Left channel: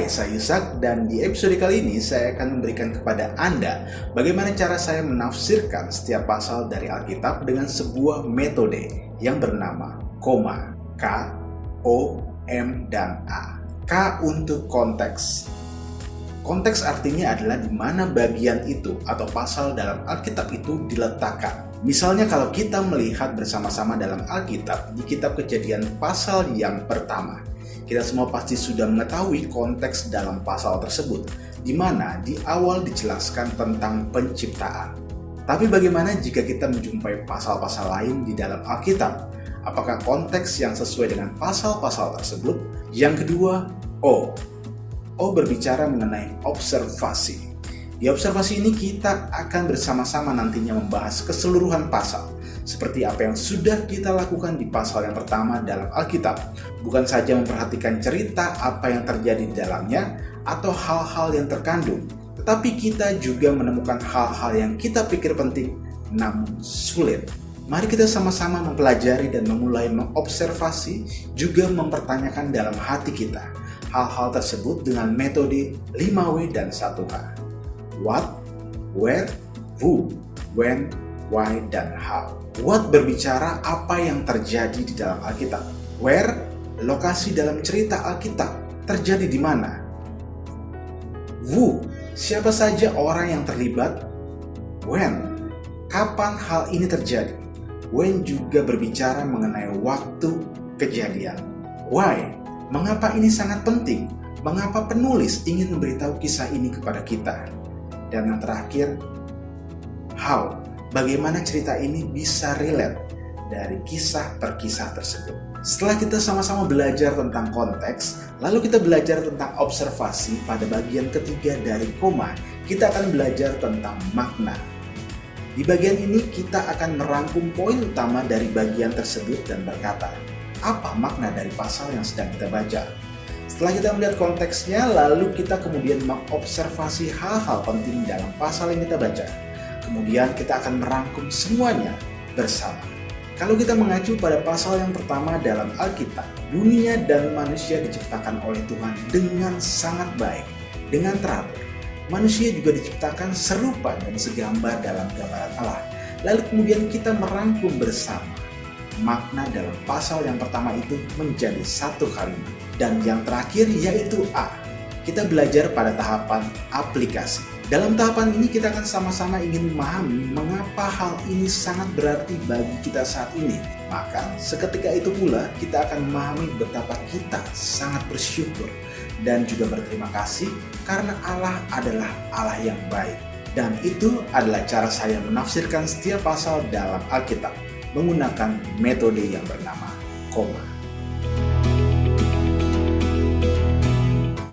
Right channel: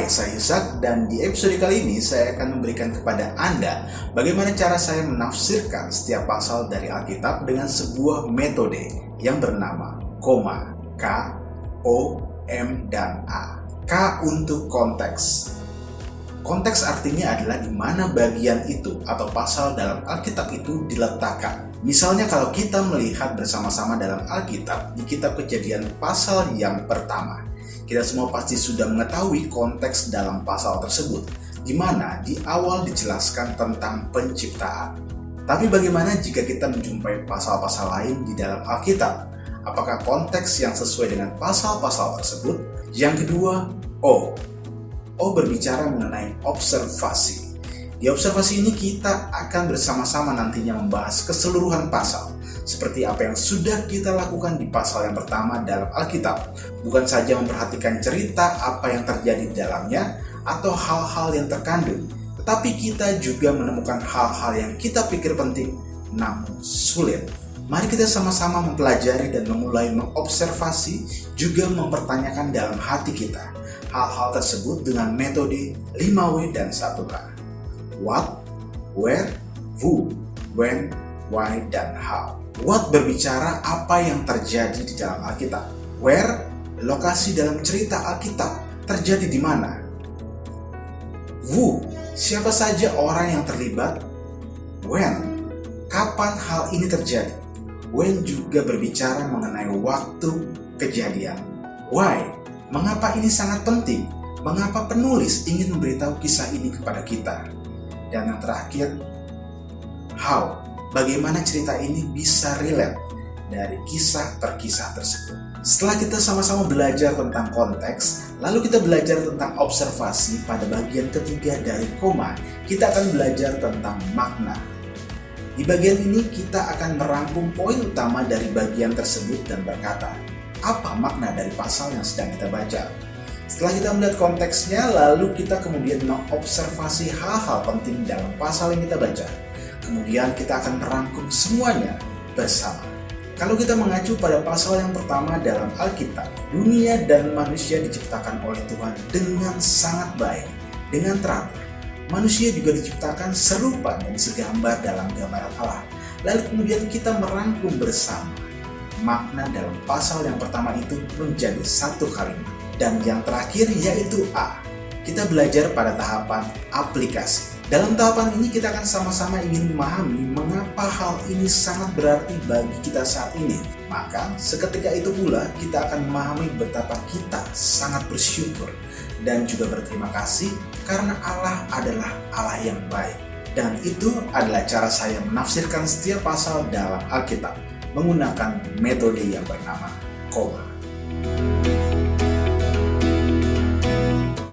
Hai, saya Yusak dan di episode kali ini saya akan memberikan kepada Anda bagaimana cara saya menafsirkan setiap pasal dari Alkitab dengan sebuah metode yang bernama koma, K, O, M, dan A. K untuk konteks. Konteks artinya adalah di mana bagian itu atau pasal dalam Alkitab itu diletakkan. Misalnya kalau kita melihat bersama-sama dalam Alkitab di kitab Kejadian pasal yang pertama. Kita semua pasti sudah mengetahui konteks dalam pasal tersebut, di mana di awal dijelaskan tentang penciptaan. Tapi bagaimana jika kita menjumpai pasal-pasal lain di dalam Alkitab? Apakah konteks yang sesuai dengan pasal-pasal tersebut? Yang kedua, O. O berbicara mengenai observasi. Di observasi ini kita akan bersama-sama nantinya membahas keseluruhan pasal. Seperti apa yang sudah kita lakukan di pasal yang pertama dalam Alkitab. Bukan saja memperhatikan cerita apa yang terjadi di dalamnya atau hal-hal yang terkandung, tetapi kita juga menemukan hal-hal yang kita pikir penting namun sulit. Mari kita sama-sama mempelajari dan memulai mengobservasi, juga mempertanyakan dalam hati kita hal-hal tersebut dengan metode 5W dan 1H. What, where, who, when, why, dan how. What berbicara apa yang terjadi di dalam Alkitab. Where, lokasi dalam cerita Alkitab terjadi di mana. Who, siapa saja orang yang terlibat. When, kapan hal ini terjadi. When juga berbicara mengenai waktu kejadian. Why, mengapa ini sangat penting. Mengapa penulis ingin memberitahu kisah ini kepada kita. Dan yang terakhir, how, bagaimana cerita ini bisa relate dari kisah per kisah tersebut. Setelah kita sama-sama belajar tentang konteks, lalu kita belajar tentang observasi pada bagian ketiga dari koma, kita akan belajar tentang makna. Di bagian ini kita akan merangkum poin utama dari bagian tersebut dan berkata, apa makna dari pasal yang sedang kita baca? Setelah kita melihat konteksnya, lalu kita kemudian mengobservasi hal-hal penting dalam pasal yang kita baca. Kemudian kita akan merangkum semuanya bersama. Kalau kita mengacu pada pasal yang pertama dalam Alkitab, dunia dan manusia diciptakan oleh Tuhan dengan sangat baik, dengan teratur. Manusia juga diciptakan serupa dan segambar dalam gambaran Allah. Lalu kemudian kita merangkum bersama. Makna dalam pasal yang pertama itu menjadi satu kalimat. Dan yang terakhir yaitu A. Kita belajar pada tahapan aplikasi. Dalam tahapan ini kita akan sama-sama ingin memahami mengapa hal ini sangat berarti bagi kita saat ini. Maka seketika itu pula kita akan memahami betapa kita sangat bersyukur dan juga berterima kasih karena Allah adalah Allah yang baik. Dan itu adalah cara saya menafsirkan setiap pasal dalam Alkitab menggunakan metode yang bernama koma.